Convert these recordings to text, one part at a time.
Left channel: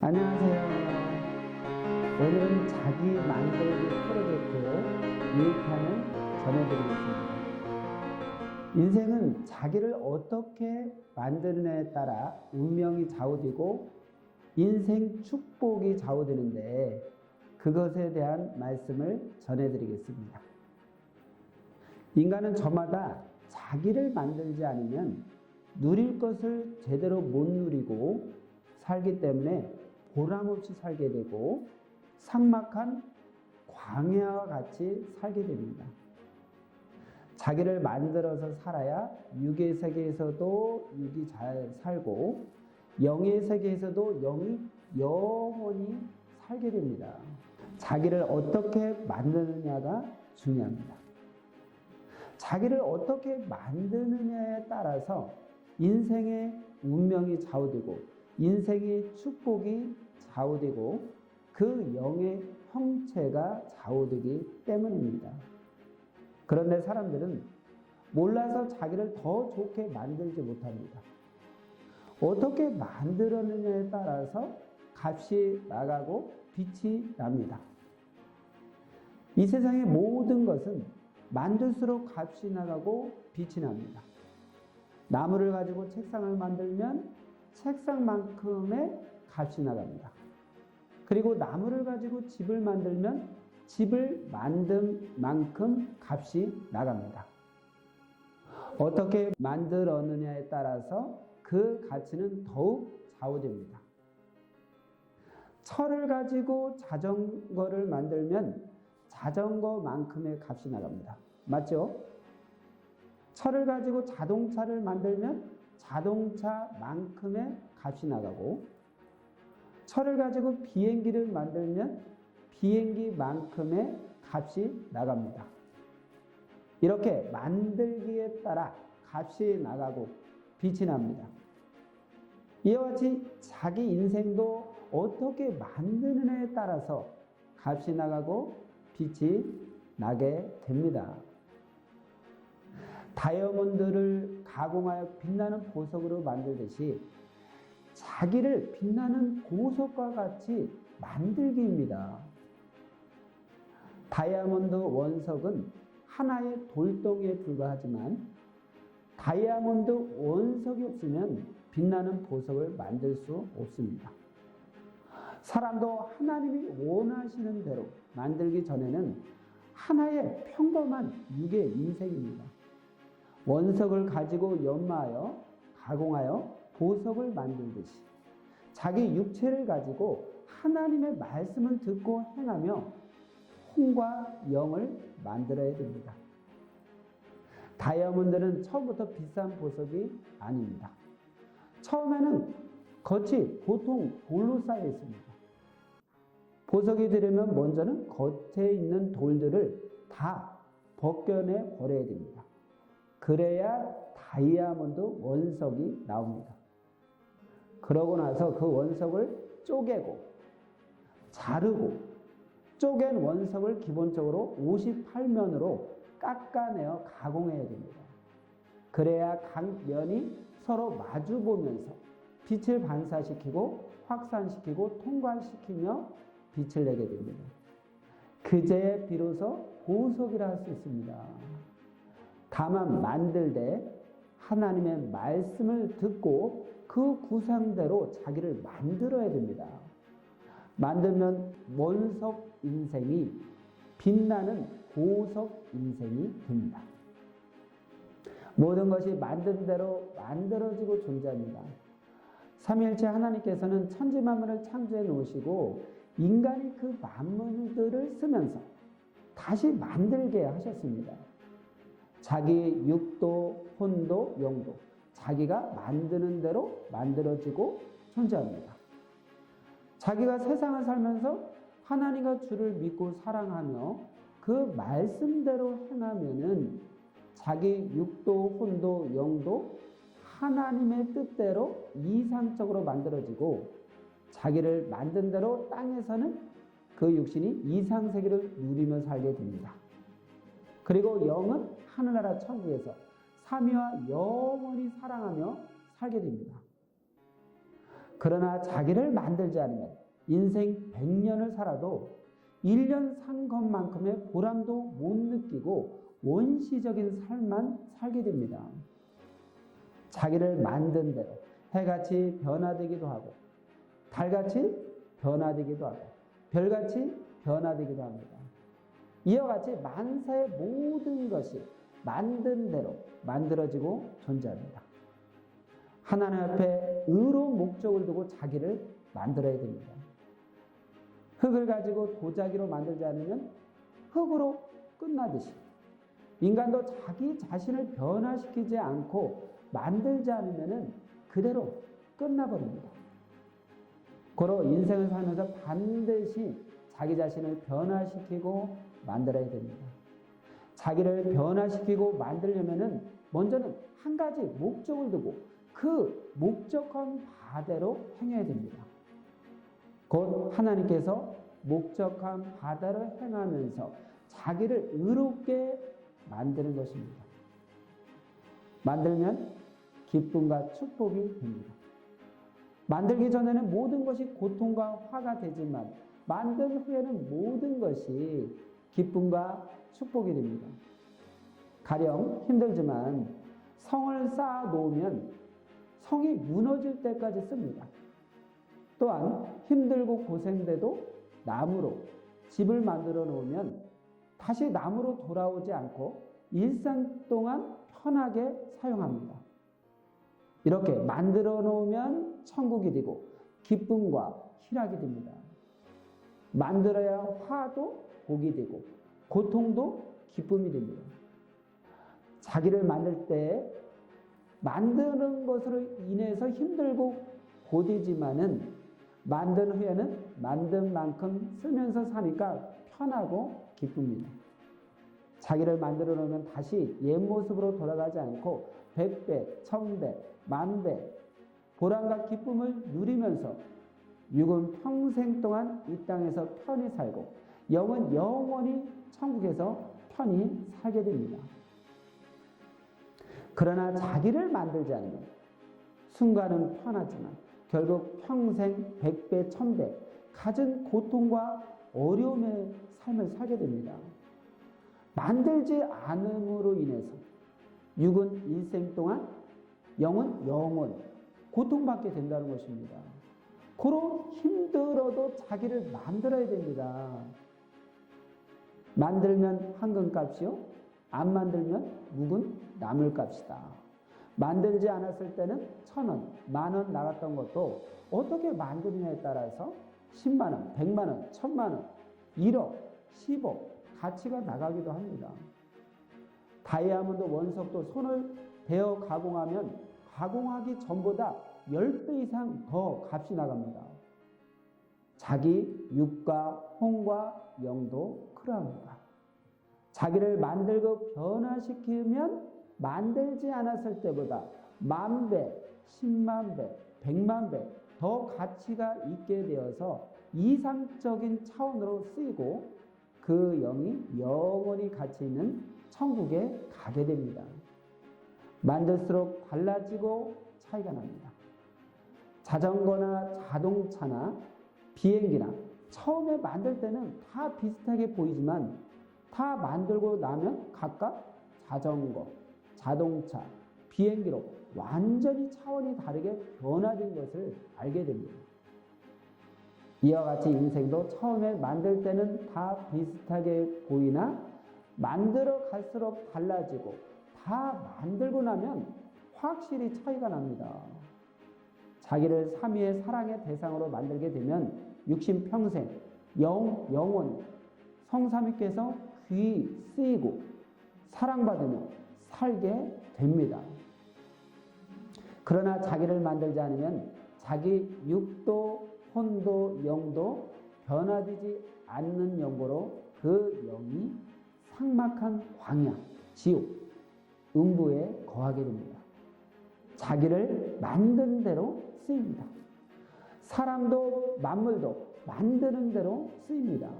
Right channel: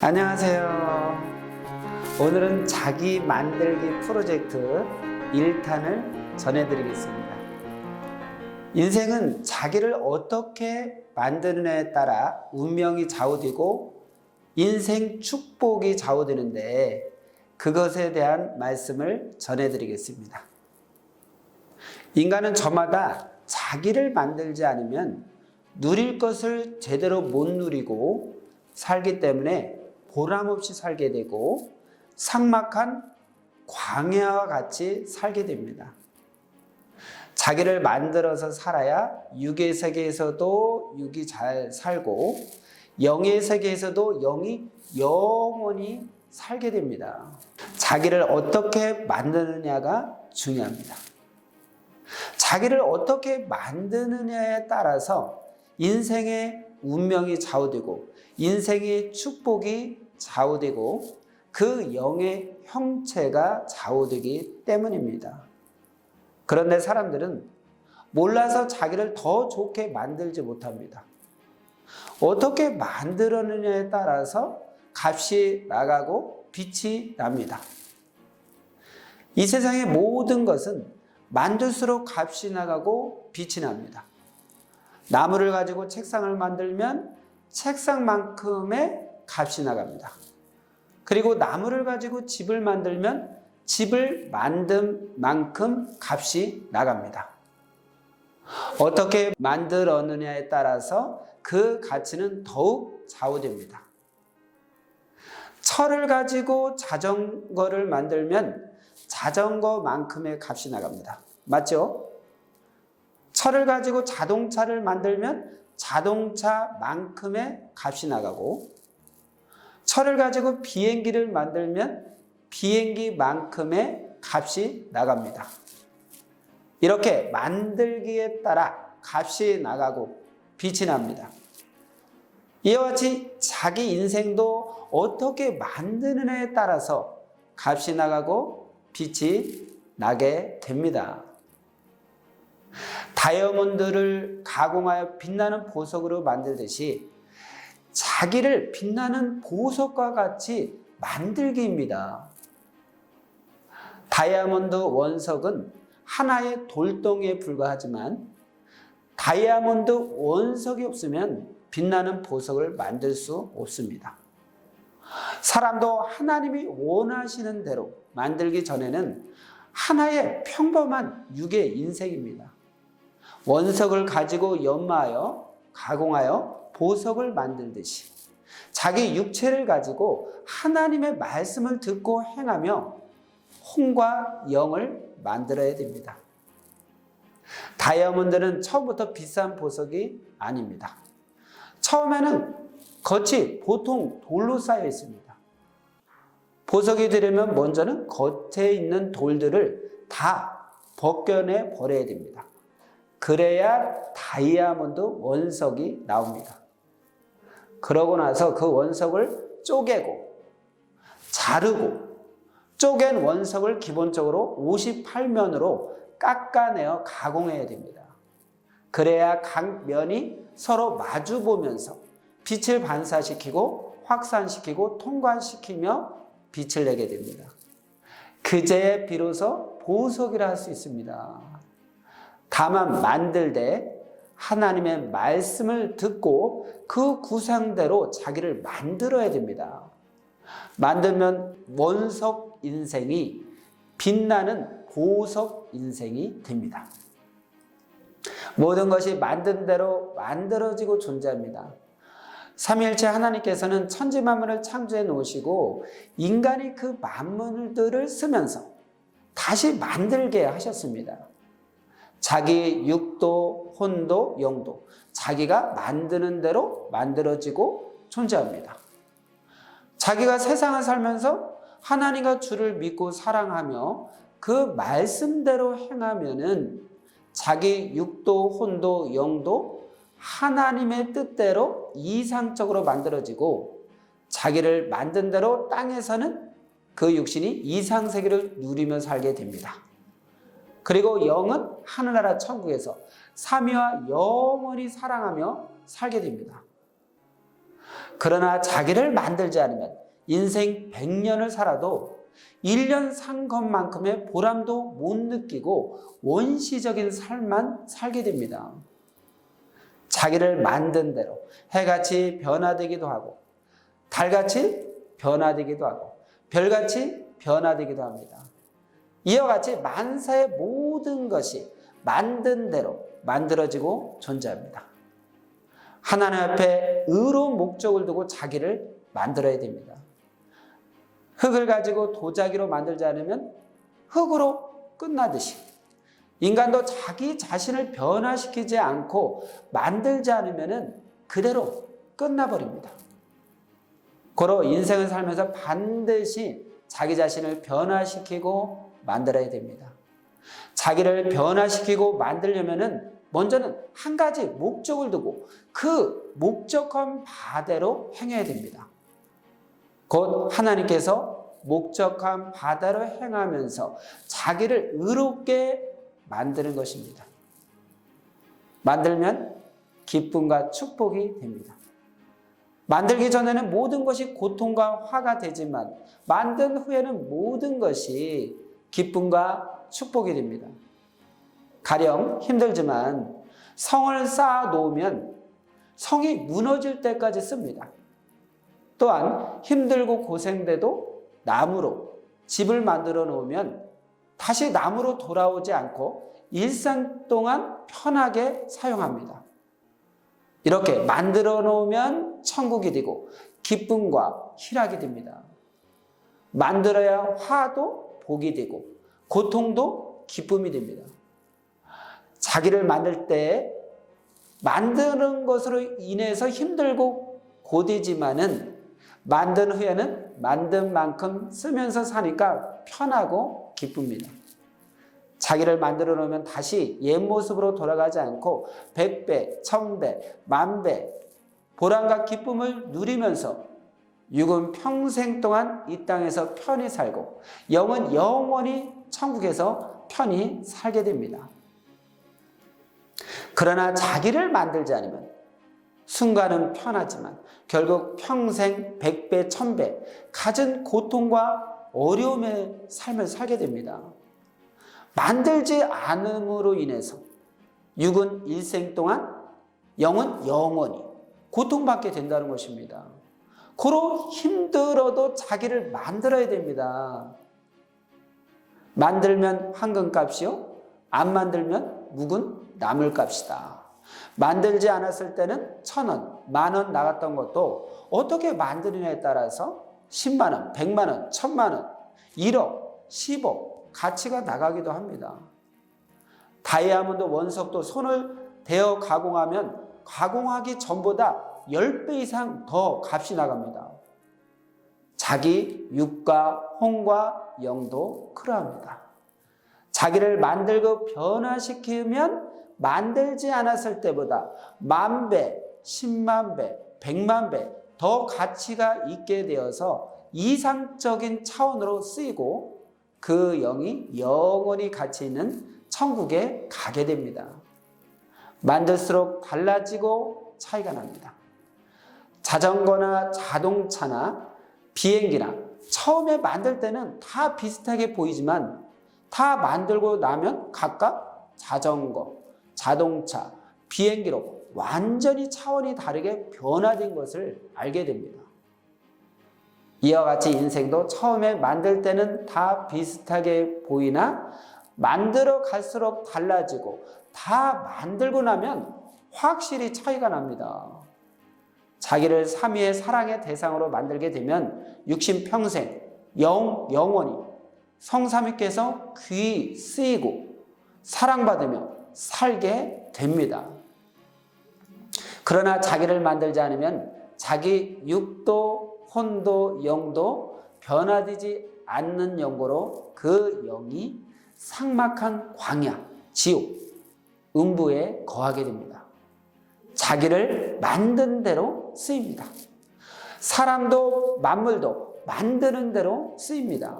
안녕하세요. 오늘은 자기 만들기 프로젝트 1탄을 전해드리겠습니다. 인생은 자기를 어떻게 만드느냐에 따라 운명이 좌우되고 인생 축복이 좌우되는데 그것에 대한 말씀을 전해드리겠습니다. 인간은 저마다 자기를 만들지 않으면 누릴 것을 제대로 못 누리고 살기 때문에 보람없이 살게 되고 삭막한 광야와 같이 살게 됩니다. 자기를 만들어서 살아야 육의 세계에서도 육이 잘 살고 영의 세계에서도 영이 영원히 살게 됩니다. 자기를 어떻게 만드느냐가 중요합니다. 자기를 어떻게 만드느냐에 따라서 인생의 운명이 좌우되고 인생의 축복이 좌우되고 그 영의 형체가 좌우되기 때문입니다. 그런데 사람들은 몰라서 자기를 더 좋게 만들지 못합니다. 어떻게 만들었느냐에 따라서 값이 나가고 빛이 납니다. 이 세상의 모든 것은 만들수록 값이 나가고 빛이 납니다. 나무를 가지고 책상을 만들면 책상만큼의 값이 나갑니다. 그리고 나무를 가지고 집을 만들면 집을 만든 만큼 값이 나갑니다. 어떻게 만들었느냐에 따라서 그 가치는 더욱 좌우됩니다. 철을 가지고 자전거를 만들면 자전거만큼의 값이 나갑니다. 맞죠? 철을 가지고 자동차를 만들면 자동차만큼의 값이 나가고 철을 가지고 비행기를 만들면 비행기만큼의 값이 나갑니다. 이렇게 만들기에 따라 값이 나가고 빛이 납니다. 이와 같이 자기 인생도 어떻게 만드느냐에 따라서 값이 나가고 빛이 나게 됩니다. 다이아몬드를 가공하여 빛나는 보석으로 만들듯이 자기를 빛나는 보석과 같이 만들기입니다. 다이아몬드 원석은 하나의 돌덩이에 불과하지만 다이아몬드 원석이 없으면 빛나는 보석을 만들 수 없습니다. 사람도 하나님이 원하시는 대로 만들기 전에는 하나의 평범한 육의 인생입니다. 원석을 가지고 연마하여 가공하여 보석을 만들듯이 자기 육체를 가지고 하나님의 말씀을 듣고 행하며 혼과 영을 만들어야 됩니다. 다이아몬드는 처음부터 비싼 보석이 아닙니다. 처음에는 겉이 보통 돌로 쌓여 있습니다. 보석이 되려면 먼저는 겉에 있는 돌들을 다 벗겨내 버려야 됩니다. 그래야 다이아몬드 원석이 나옵니다. 그러고 나서 그 원석을 쪼개고 자르고 쪼갠 원석을 기본적으로 58면으로 깎아내어 가공해야 됩니다. 그래야 각 면이 서로 마주 보면서 빛을 반사시키고 확산시키고 통과시키며 빛을 내게 됩니다. 그제야 비로소 보석이라 할 수 있습니다. 다만 만들 때 하나님의 말씀을 듣고 그 구상대로 자기를 만들어야 됩니다. 만들면 원석 인생이 빛나는 보석 인생이 됩니다. 모든 것이 만든 대로 만들어지고 존재합니다. 삼위일체 하나님께서는 천지 만물을 창조해 놓으시고 인간이 그 만물들을 쓰면서 다시 만들게 하셨습니다. 자기 육도, 혼도, 영도 자기가 만드는 대로 만들어지고 존재합니다. 자기가 세상을 살면서 하나님과 주를 믿고 사랑하며 그 말씀대로 행하면은 자기 육도, 혼도, 영도 하나님의 뜻대로 이상적으로 만들어지고 자기를 만든 대로 땅에서는 그 육신이 이상세계를 누리며 살게 됩니다. 그리고 영은 하늘나라 천국에서 삼위와 영원히 사랑하며 살게 됩니다. 그러나 자기를 만들지 않으면 인생 100년을 살아도 1년 산 것만큼의 보람도 못 느끼고 원시적인 삶만 살게 됩니다. 자기를 만든 대로 해같이 변화되기도 하고 달같이 변화되기도 하고 별같이 변화되기도 합니다. 이와 같이 만사의 모든 것이 만든 대로 만들어지고 존재합니다. 하나님 앞에 의로운 목적을 두고 자기를 만들어야 됩니다. 흙을 가지고 도자기로 만들지 않으면 흙으로 끝나듯이 인간도 자기 자신을 변화시키지 않고 만들지 않으면 그대로 끝나버립니다. 고로 인생을 살면서 반드시 자기 자신을 변화시키고 만들어야 됩니다. 자기를 변화시키고 만들려면 먼저는 한 가지 목적을 두고 그 목적한 바대로 행해야 됩니다. 곧 하나님께서 목적한 바대로 행하면서 자기를 의롭게 만드는 것입니다. 만들면 기쁨과 축복이 됩니다. 만들기 전에는 모든 것이 고통과 화가 되지만 만든 후에는 모든 것이 기쁨과 축복이 됩니다. 가령 힘들지만 성을 쌓아 놓으면 성이 무너질 때까지 씁니다. 또한 힘들고 고생돼도 나무로 집을 만들어 놓으면 다시 나무로 돌아오지 않고 일생 동안 편하게 사용합니다. 이렇게 만들어 놓으면 천국이 되고 기쁨과 희락이 됩니다. 만들어야 화도 복이 되고 고통도 기쁨이 됩니다. 자기를 만들 때 만드는 것으로 인해서 힘들고 고되지만은 만든 후에는 만든 만큼 쓰면서 사니까 편하고 기쁩니다. 자기를 만들어 놓으면 다시 옛 모습으로 돌아가지 않고 100배, 1000배, 10,000배 보람과 기쁨을 누리면서 육은 평생 동안 이 땅에서 편히 살고 영은 영원히 천국에서 편히 살게 됩니다. 그러나 자기를 만들지 않으면 순간은 편하지만 결국 평생 100배, 1000배 갖은 고통과 어려움의 삶을 살게 됩니다. 만들지 않음으로 인해서 육은 일생 동안 영은 영원히 고통받게 된다는 것입니다. 고로 힘들어도 자기를 만들어야 됩니다. 만들면 황금값이요, 안 만들면 묵은 나물값이다. 만들지 않았을 때는 1,000원, 10,000원 나갔던 것도 어떻게 만드느냐에 따라서 10만 원, 100만 원, 1,000만 원, 1억, 10억 가치가 나가기도 합니다. 다이아몬드 원석도 손을 대어 가공하면 가공하기 전보다 10배 이상 더 값이 나갑니다. 자기 육과 혼과 영도 그러합니다. 자기를 만들고 변화시키면 만들지 않았을 때보다 10,000배, 100,000배, 100,000배 더 가치가 있게 되어서 이상적인 차원으로 쓰이고 그 영이 영원히 가치 있는 천국에 가게 됩니다. 만들수록 달라지고 차이가 납니다. 자전거나 자동차나 비행기나 처음에 만들 때는 다 비슷하게 보이지만 다 만들고 나면 각각 자전거, 자동차, 비행기로 완전히 차원이 다르게 변화된 것을 알게 됩니다. 이와 같이 인생도 처음에 만들 때는 다 비슷하게 보이나 만들어 갈수록 달라지고 다 만들고 나면 확실히 차이가 납니다. 자기를 삼위의 사랑의 대상으로 만들게 되면 육신평생 영원히 성삼위께서 귀히 쓰이고 사랑받으며 살게 됩니다. 그러나 자기를 만들지 않으면 자기 육도 혼도 영도 변화되지 않는 영고로 그 영이 삭막한 광야, 지옥, 음부에 거하게 됩니다. 자기를 만든 대로 쓰입니다. 사람도 만물도 만드는 대로 쓰입니다.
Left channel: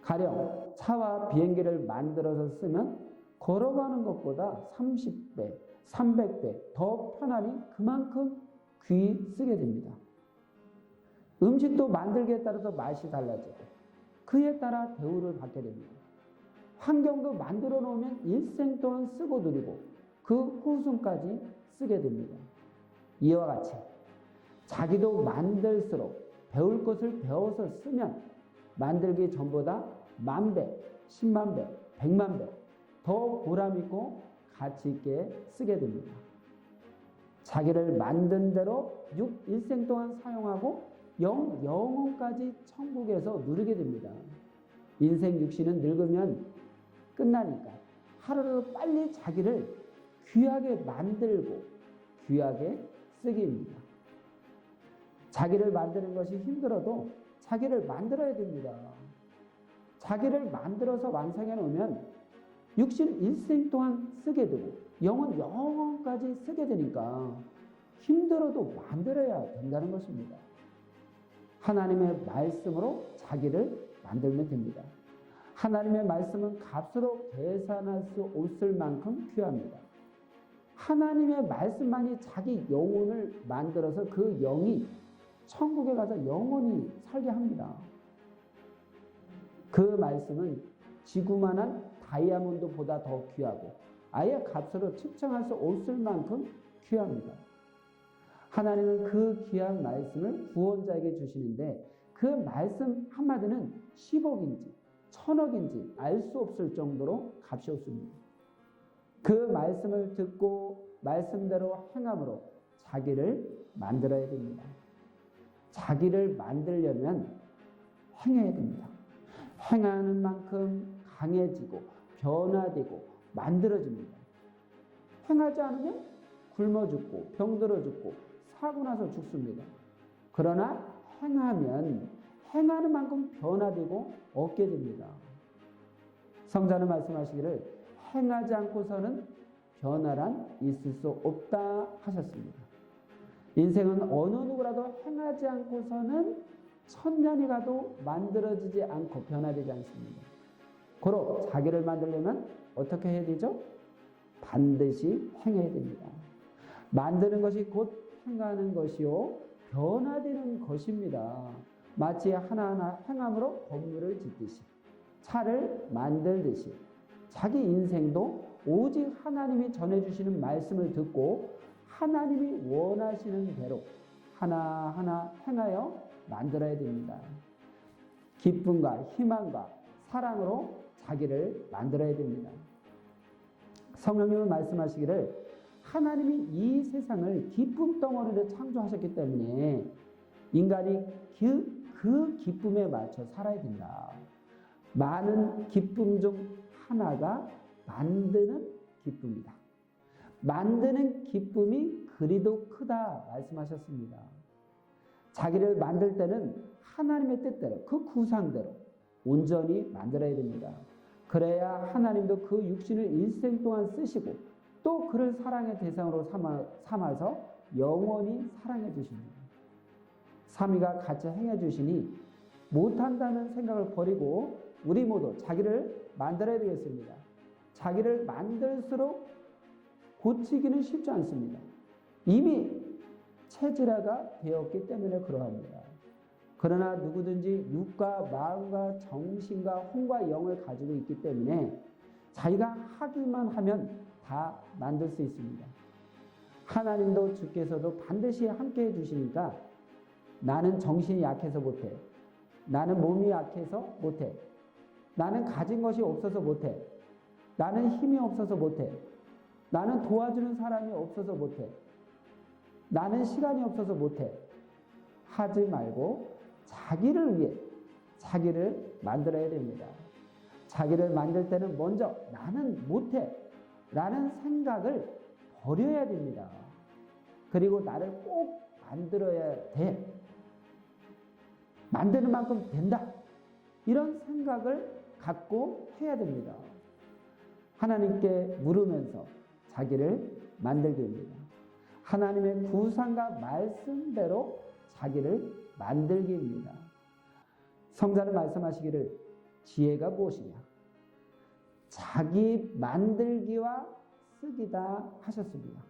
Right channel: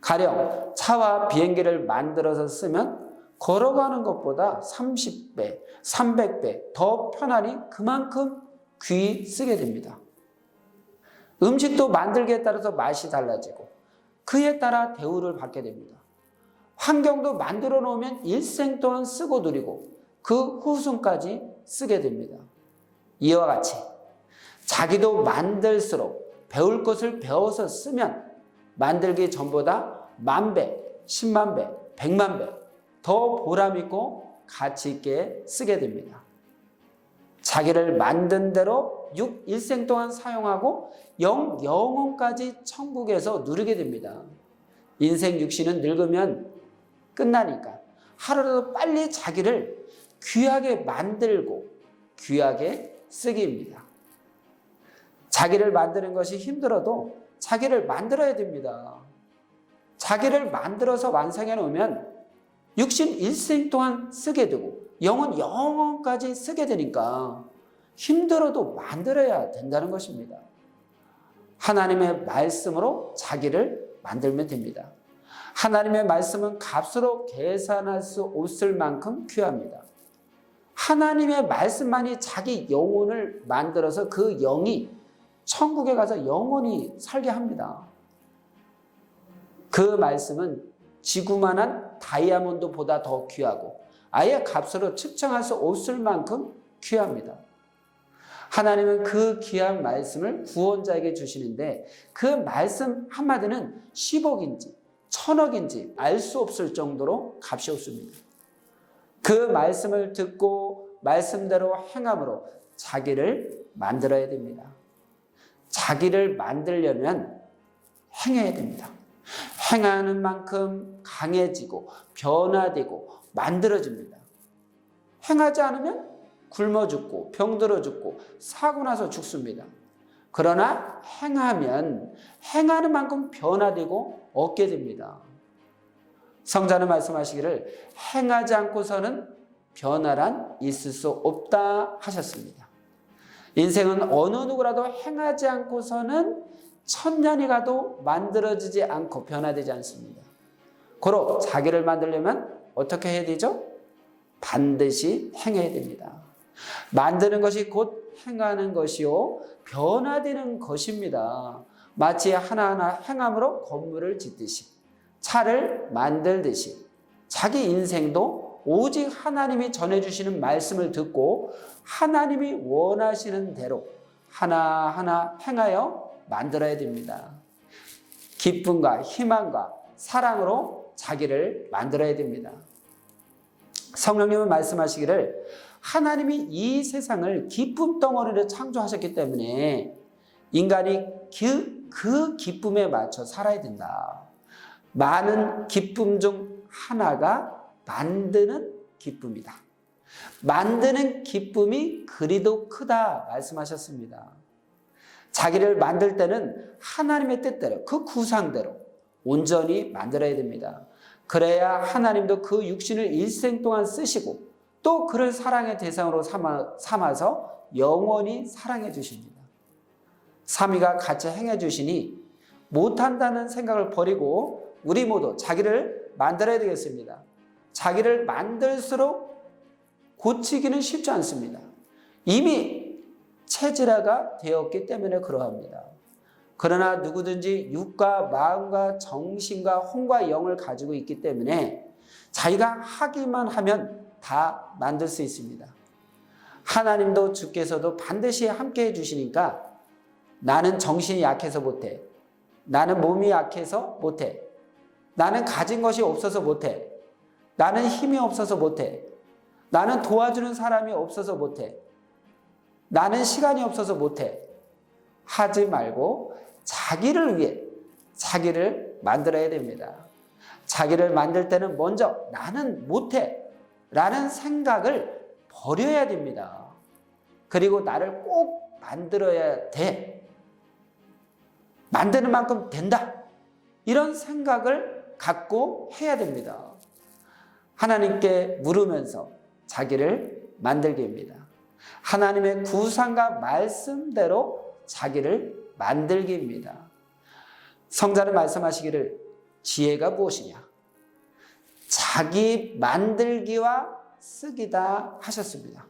가령 차와 비행기를 만들어서 쓰면 걸어가는 것보다 30배, 300배 더 편안히 그만큼 귀히 쓰게 됩니다. 음식도 만들기에 따라서 맛이 달라지고 그에 따라 대우를 받게 됩니다. 환경도 만들어 놓으면 일생 동안 쓰고 누리고 그 후순까지 쓰게 됩니다. 이와 같이 자기도 만들수록 배울 것을 배워서 쓰면 만들기 전보다 10,000배, 100,000배, 100,000배 더 보람있고 가치있게 쓰게 됩니다. 자기를 만든 대로 일생 동안 사용하고 영혼까지 천국에서 누리게 됩니다. 인생 육신은 늙으면 끝나니까 하루라도 빨리 자기를 귀하게 만들고 귀하게 쓰기입니다. 자기를 만드는 것이 힘들어도 자기를 만들어야 됩니다. 자기를 만들어서 완성해 놓으면 육신 일생 동안 쓰게 되고 영혼까지 쓰게 되니까 힘들어도 만들어야 된다는 것입니다. 하나님의 말씀으로 자기를 만들면 됩니다. 하나님의 말씀은 값으로 계산할 수 없을 만큼 귀합니다. 하나님의 말씀만이 자기 영혼을 만들어서 그 영이 천국에 가서 영원히 살게 합니다. 그 말씀은 지구만한 다이아몬드보다 더 귀하고 아예 값으로 측정할 수 없을 만큼 귀합니다. 하나님은 그 귀한 말씀을 구원자에게 주시는데 그 말씀 한마디는 10억인지 1000억인지 알 수 없을 정도로 값이 없습니다. 그 말씀을 듣고 말씀대로 행함으로 자기를 만들어야 됩니다. 자기를 만들려면 행해야 됩니다. 행하는 만큼 강해지고 변화되고 만들어집니다. 행하지 않으면 굶어 죽고 병들어 죽고 사고 나서 죽습니다. 그러나 행하면 행하는 만큼 변화되고 얻게 됩니다. 성자는 말씀하시기를 행하지 않고서는 변화란 있을 수 없다 하셨습니다. 인생은 어느 누구라도 행하지 않고서는 1000년이 가도 만들어지지 않고 변화되지 않습니다. 고로 자기를 만들려면 어떻게 해야 되죠? 반드시 행해야 됩니다. 만드는 것이 곧 행하는 것이요 변화되는 것입니다. 마치 하나하나 행함으로 건물을 짓듯이 차를 만들듯이 자기 인생도 오직 하나님이 전해주시는 말씀을 듣고 하나님이 원하시는 대로 하나하나 행하여 만들어야 됩니다. 기쁨과 희망과 사랑으로 자기를 만들어야 됩니다. 성령님은 말씀하시기를 하나님이 이 세상을 기쁨 덩어리로 창조하셨기 때문에 인간이 그 기쁨에 맞춰 살아야 된다. 많은 기쁨 중 하나가 만드는 기쁨이다. 만드는 기쁨이 그리도 크다 말씀하셨습니다. 자기를 만들 때는 하나님의 뜻대로 그 구상대로 온전히 만들어야 됩니다. 그래야 하나님도 그 육신을 일생 동안 쓰시고 또 그를 사랑의 대상으로 삼아서 영원히 사랑해 주십니다. 삼위가 같이 행해 주시니 못한다는 생각을 버리고 우리 모두 자기를 만들어야 되겠습니다. 자기를 만들수록 고치기는 쉽지 않습니다. 이미 체질화가 되었기 때문에 그러합니다. 그러나 누구든지 육과 마음과 정신과 혼과 영을 가지고 있기 때문에 자기가 하기만 하면 다 만들 수 있습니다. 하나님도 주께서도 반드시 함께 해주시니까 나는 정신이 약해서 못해. 나는 몸이 약해서 못해. 나는 가진 것이 없어서 못해. 나는 힘이 없어서 못해. 나는 도와주는 사람이 없어서 못해. 나는 시간이 없어서 못해. 하지 말고 자기를 위해 자기를 만들어야 됩니다. 자기를 만들 때는 먼저 나는 못해 라는 생각을 버려야 됩니다. 그리고 나를 꼭 만들어야 돼. 만드는 만큼 된다. 이런 생각을 갖고 해야 됩니다. 하나님께 물으면서 자기를 만들게 합니다. 하나님의 구상과 말씀대로 자기를 만들기입니다. 성자는 말씀하시기를 지혜가 무엇이냐? 자기 만들기와 쓰기다 하셨습니다.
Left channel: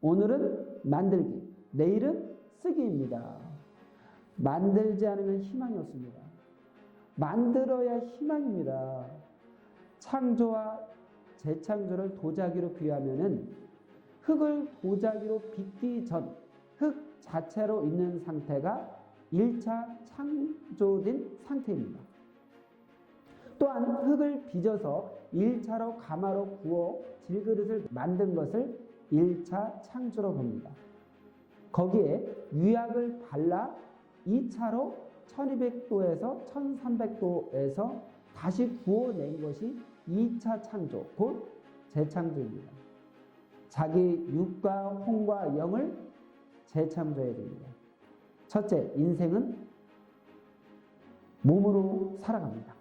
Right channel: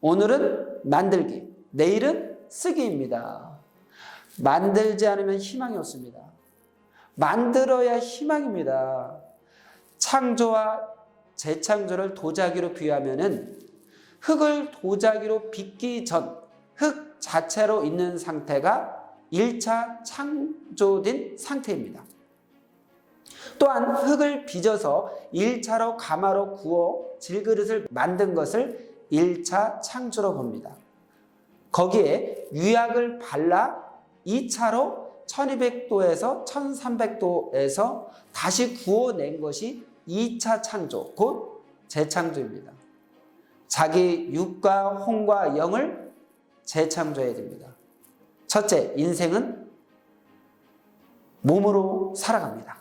오늘은 만들기, 내일은 쓰기입니다. 만들지 않으면 희망이 없습니다. 만들어야 희망입니다. 창조와 재창조를 도자기로 비유하면은 흙을 도자기로 빚기 전 흙 자체로 있는 상태가 1차 창조된 상태입니다. 또한 흙을 빚어서 1차로 가마로 구워 질그릇을 만든 것을 1차 창조로 봅니다. 거기에 유약을 발라 2차로 1200도에서 1300도에서 다시 구워낸 것이 2차 창조, 곧 재창조입니다. 자기 육과 혼과 영을 재창조해야 됩니다. 첫째, 인생은 몸으로 살아갑니다.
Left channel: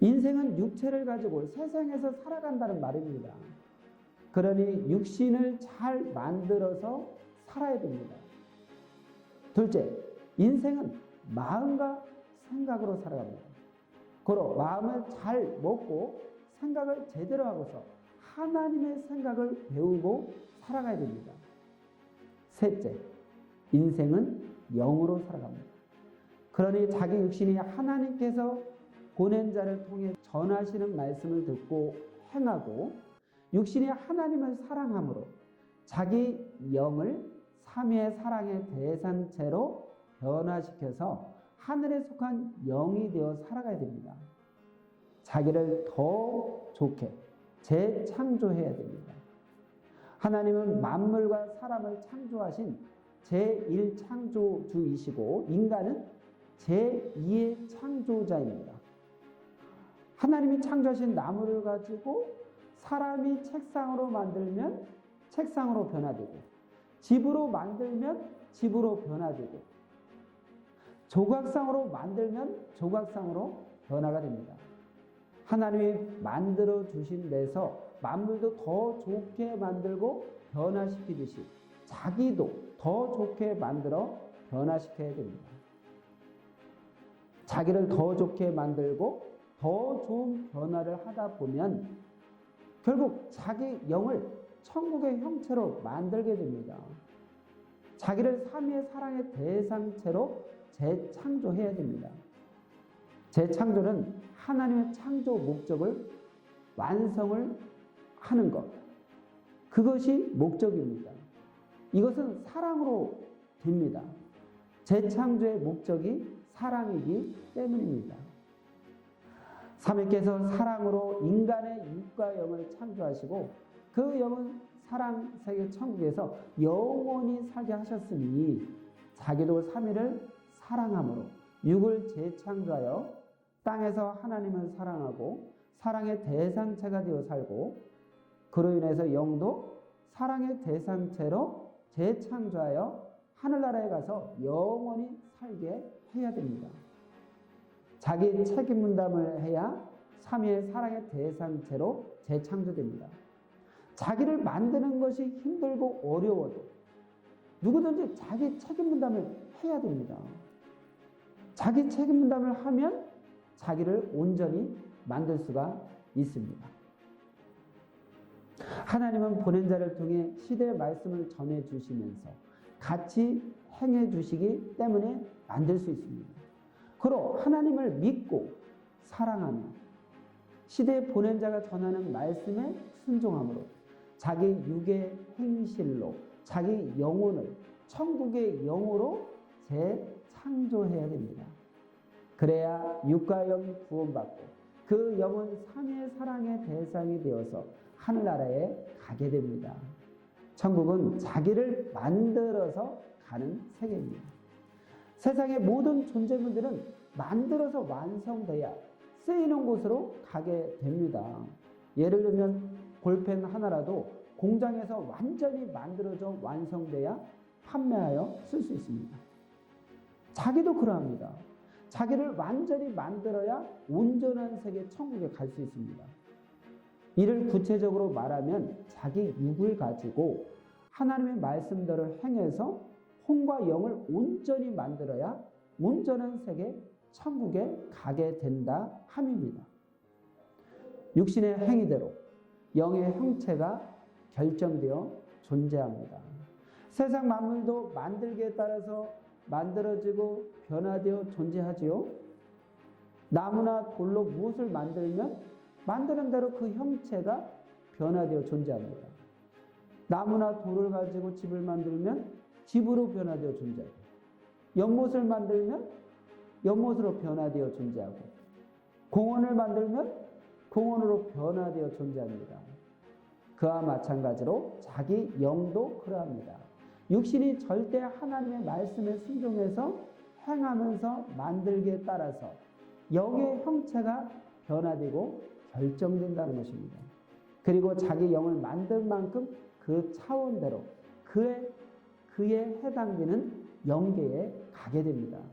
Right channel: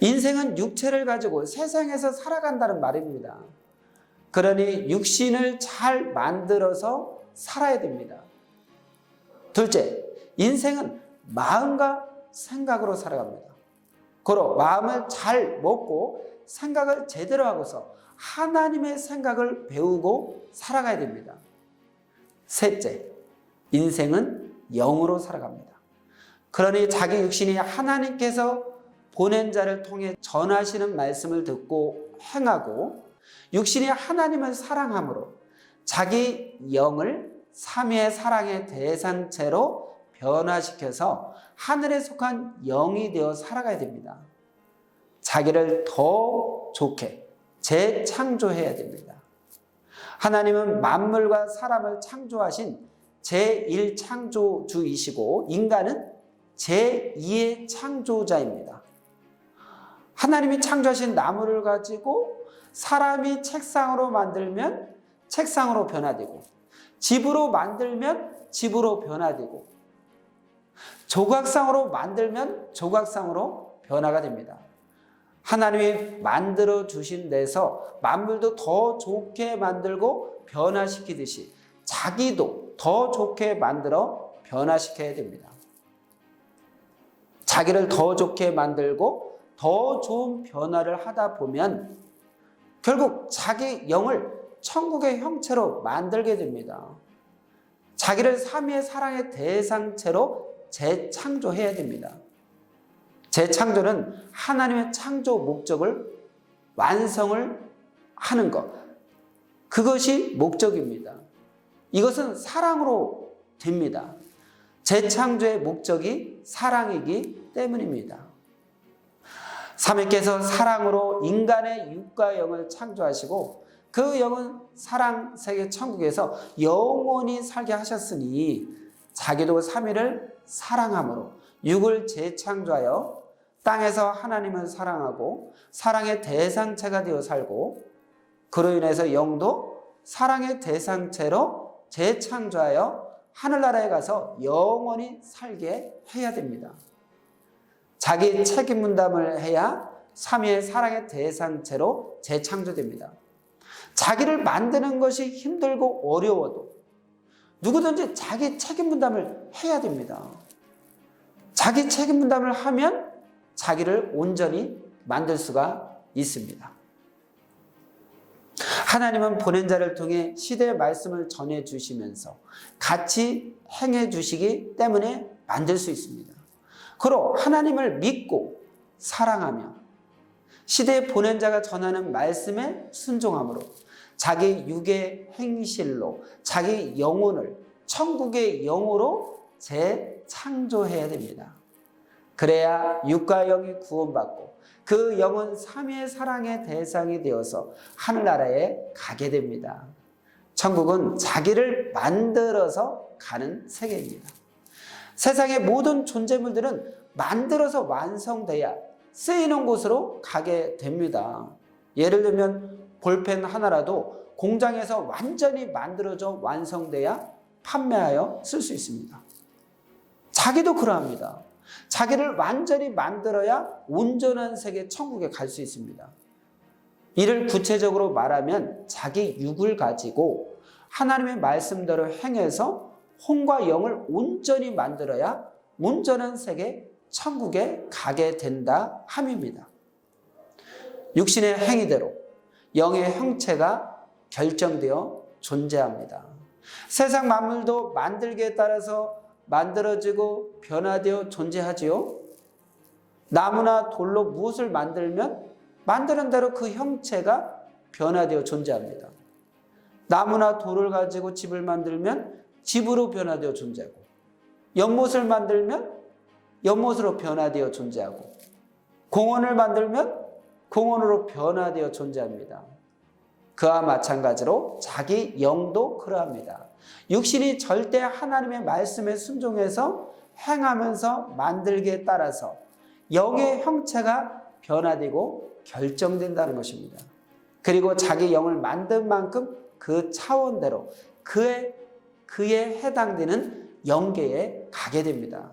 인생은 육체를 가지고 세상에서 살아간다는 말입니다. 그러니 육신을 잘 만들어서 살아야 됩니다. 둘째, 인생은 마음과 생각으로 살아갑니다. 고로 마음을 잘 먹고 생각을 제대로 하고서 하나님의 생각을 배우고 살아가야 됩니다. 셋째, 인생은 영으로 살아갑니다. 그러니 자기 육신이 하나님께서 보낸 자를 통해 전하시는 말씀을 듣고 행하고 육신이 하나님을 사랑함으로 자기 영을 삼위의 사랑의 대상체로 변화시켜서 하늘에 속한 영이 되어 살아가야 됩니다. 자기를 더 좋게 재창조해야 됩니다. 하나님은 만물과 사람을 창조하신 제1창조주이시고 인간은 제2의 창조자입니다. 하나님이 창조하신 나무를 가지고 사람이 책상으로 만들면 책상으로 변화되고 집으로 만들면 집으로 변화되고 조각상으로 만들면 조각상으로 변화가 됩니다. 하나님이 만들어 주신 데서 만물도 더 좋게 만들고 변화시키듯이 자기도 더 좋게 만들어 변화시켜야 됩니다. 자기를 더 좋게 만들고 더 좋은 변화를 하다 보면 결국 자기 영을 천국의 형체로 만들게 됩니다. 자기를 삼위의 사랑의 대상체로 재창조해야 됩니다. 재창조는 하나님의 창조 목적을 완성을 하는 것. 그것이 목적입니다. 이것은 사랑으로 됩니다. 재창조의 목적이 사랑이기 때문입니다. 삼위께서 사랑으로 인간의 육과 영을 창조하시고 그 영은 사랑 세계 천국에서 영원히 살게 하셨으니 자기도 삼위를 사랑함으로 육을 재창조하여 땅에서 하나님을 사랑하고 사랑의 대상체가 되어 살고 그로 인해서 영도 사랑의 대상체로 재창조하여 하늘나라에 가서 영원히 살게 해야 됩니다. 자기 책임 분담을 해야 삼위의 사랑의 대상체로 재창조됩니다. 자기를 만드는 것이 힘들고 어려워도 누구든지 자기 책임 분담을 해야 됩니다. 자기 책임 분담을 하면 자기를 온전히 만들 수가 있습니다. 하나님은 보낸 자를 통해 시대의 말씀을 전해 주시면서 같이 행해 주시기 때문에 만들 수 있습니다. 그로 하나님을 믿고 사랑하며 시대에 보낸 자가 전하는 말씀에 순종함으로 자기 육의 행실로 자기 영혼을 천국의 영으로 재창조해야 됩니다. 그래야 육과 영이 구원받고 그 영은 삼위의 사랑의 대상이 되어서 하늘나라에 가게 됩니다. 천국은 자기를 만들어서 가는 세계입니다. 세상의 모든 존재물들은 만들어서 완성돼야 쓰이는 곳으로 가게 됩니다. 예를 들면 볼펜 하나라도 공장에서 완전히 만들어져 완성돼야 판매하여 쓸 수 있습니다. 자기도 그러합니다. 자기를 완전히 만들어야 온전한 세계 천국에 갈 수 있습니다. 이를 구체적으로 말하면 자기 육을 가지고 하나님의 말씀대로 행해서 혼과 영을 온전히 만들어야 온전한 세계 천국에 가게 된다 함입니다. 육신의 행위대로 영의 형체가 결정되어 존재합니다. 세상 만물도 만들기에 따라서 만들어지고 변화되어 존재하지요. 나무나 돌로 무엇을 만들면 만드는 대로 그 형체가 변화되어 존재합니다. 나무나 돌을 가지고 집을 만들면 집으로 변화되어 존재하고, 연못을 만들면 연못으로 변화되어 존재하고, 공원을 만들면 공원으로 변화되어 존재합니다. 그와 마찬가지로 자기 영도 그러합니다. 육신이 절대 하나님의 말씀에 순종해서 행하면서 만들기에 따라서 영의 형체가 변화되고 결정된다는 것입니다. 그리고 자기 영을 만든 만큼 그 차원대로 그에 해당되는 영계에 가게 됩니다.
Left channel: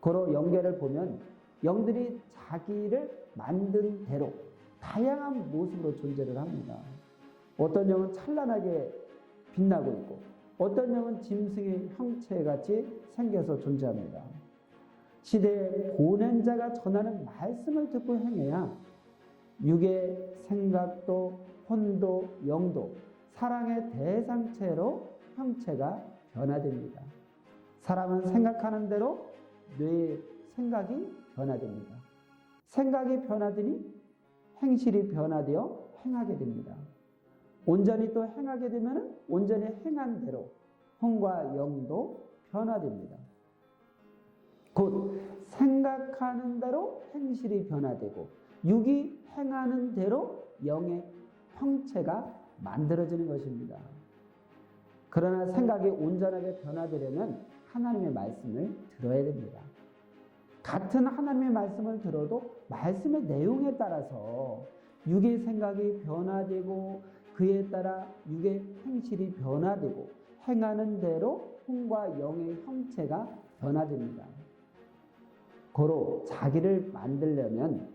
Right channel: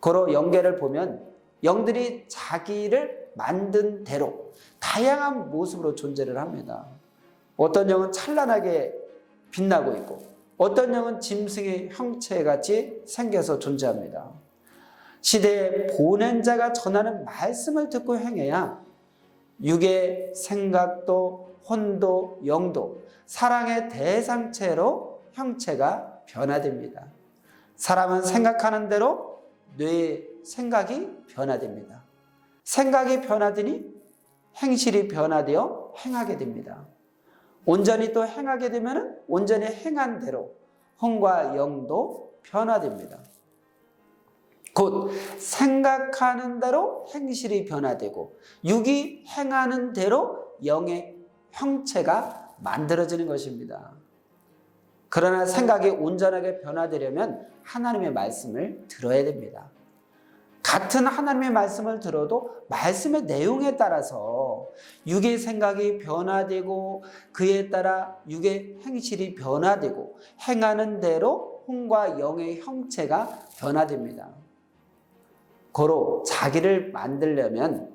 고로 영계를 보면 영들이 자기를 만든 대로 다양한 모습으로 존재를 합니다. 어떤 영은 찬란하게 빛나고 있고, 어떤 영은 짐승의 형체같이 생겨서 존재합니다. 시대에 보낸 자가 전하는 말씀을 듣고 행해야 육의 생각도 혼도 영도 사랑의 대상체로 형체가 변화됩니다. 사람은 생각하는 대로 뇌의 생각이 변화됩니다. 생각이 변화되니 행실이 변화되어 행하게 됩니다. 온전히 또 행하게 되면 온전히 행한 대로 혼과 영도 변화됩니다. 곧 생각하는 대로 행실이 변화되고 육이 행하는 대로 영의 형체가 만들어지는 것입니다. 그러나 생각이 온전하게 변화되려면 하나님의 말씀을 들어야 됩니다. 같은 하나님의 말씀을 들어도 말씀의 내용에 따라서 육의 생각이 변화되고 그에 따라 육의 행실이 변화되고 행하는 대로 혼과 영의 형체가 변화됩니다. 고로 자기를 만들려면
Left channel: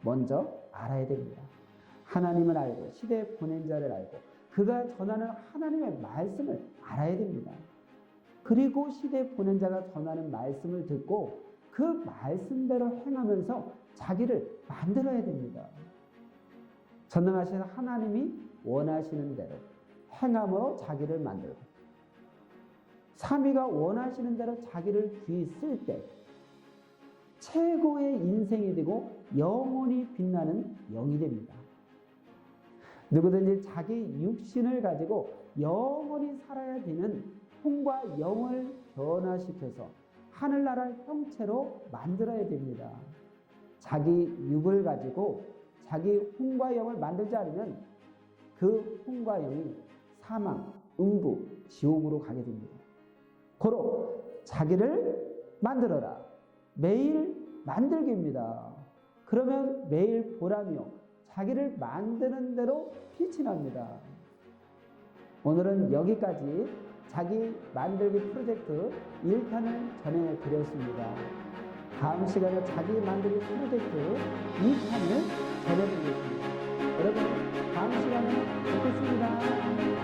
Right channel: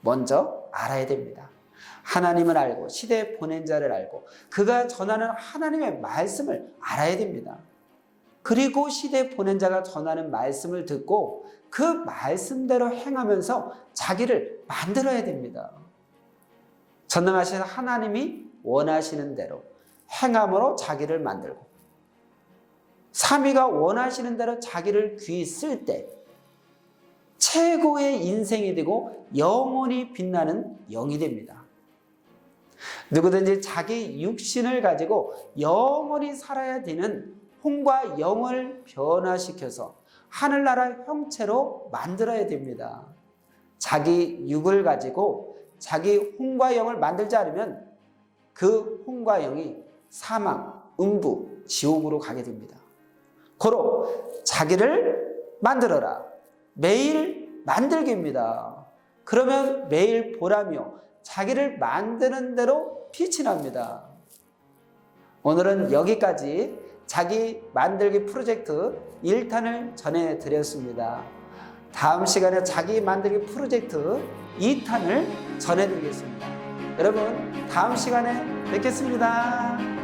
먼저 알아야 됩니다. 하나님을 알고 시대에 보낸 자를 알고 그가 전하는 하나님의 말씀을 알아야 됩니다. 그리고 시대에 보낸 자가 전하는 말씀을 듣고 그 말씀대로 행하면서 자기를 만들어야 됩니다. 전능하신 하나님이 원하시는 대로 행함으로 자기를 만들고 삼위가 원하시는 대로 자기를 귀히 쓸 때 최고의 인생이 되고 영원히 빛나는 영이 됩니다. 누구든지 자기 육신을 가지고 영원히 살아야 되는 혼과 영을 변화시켜서 하늘나라 형체로 만들어야 됩니다. 자기 육을 가지고 자기 혼과 영을 만들지 않으면 그 혼과 영이 사망, 음부, 지옥으로 가게 됩니다. 고로 자기를 만들어라. 매일 만들기입니다. 그러면 매일 보라며 자기를 만드는 대로 빛이 납니다. 오늘은 여기까지 자기 만들기 프로젝트 1탄을 전해드렸습니다. 다음 시간에 자기 만들기 프로젝트 2탄을 전해드리겠습니다. 여러분, 다음 시간에 뵙겠습니다.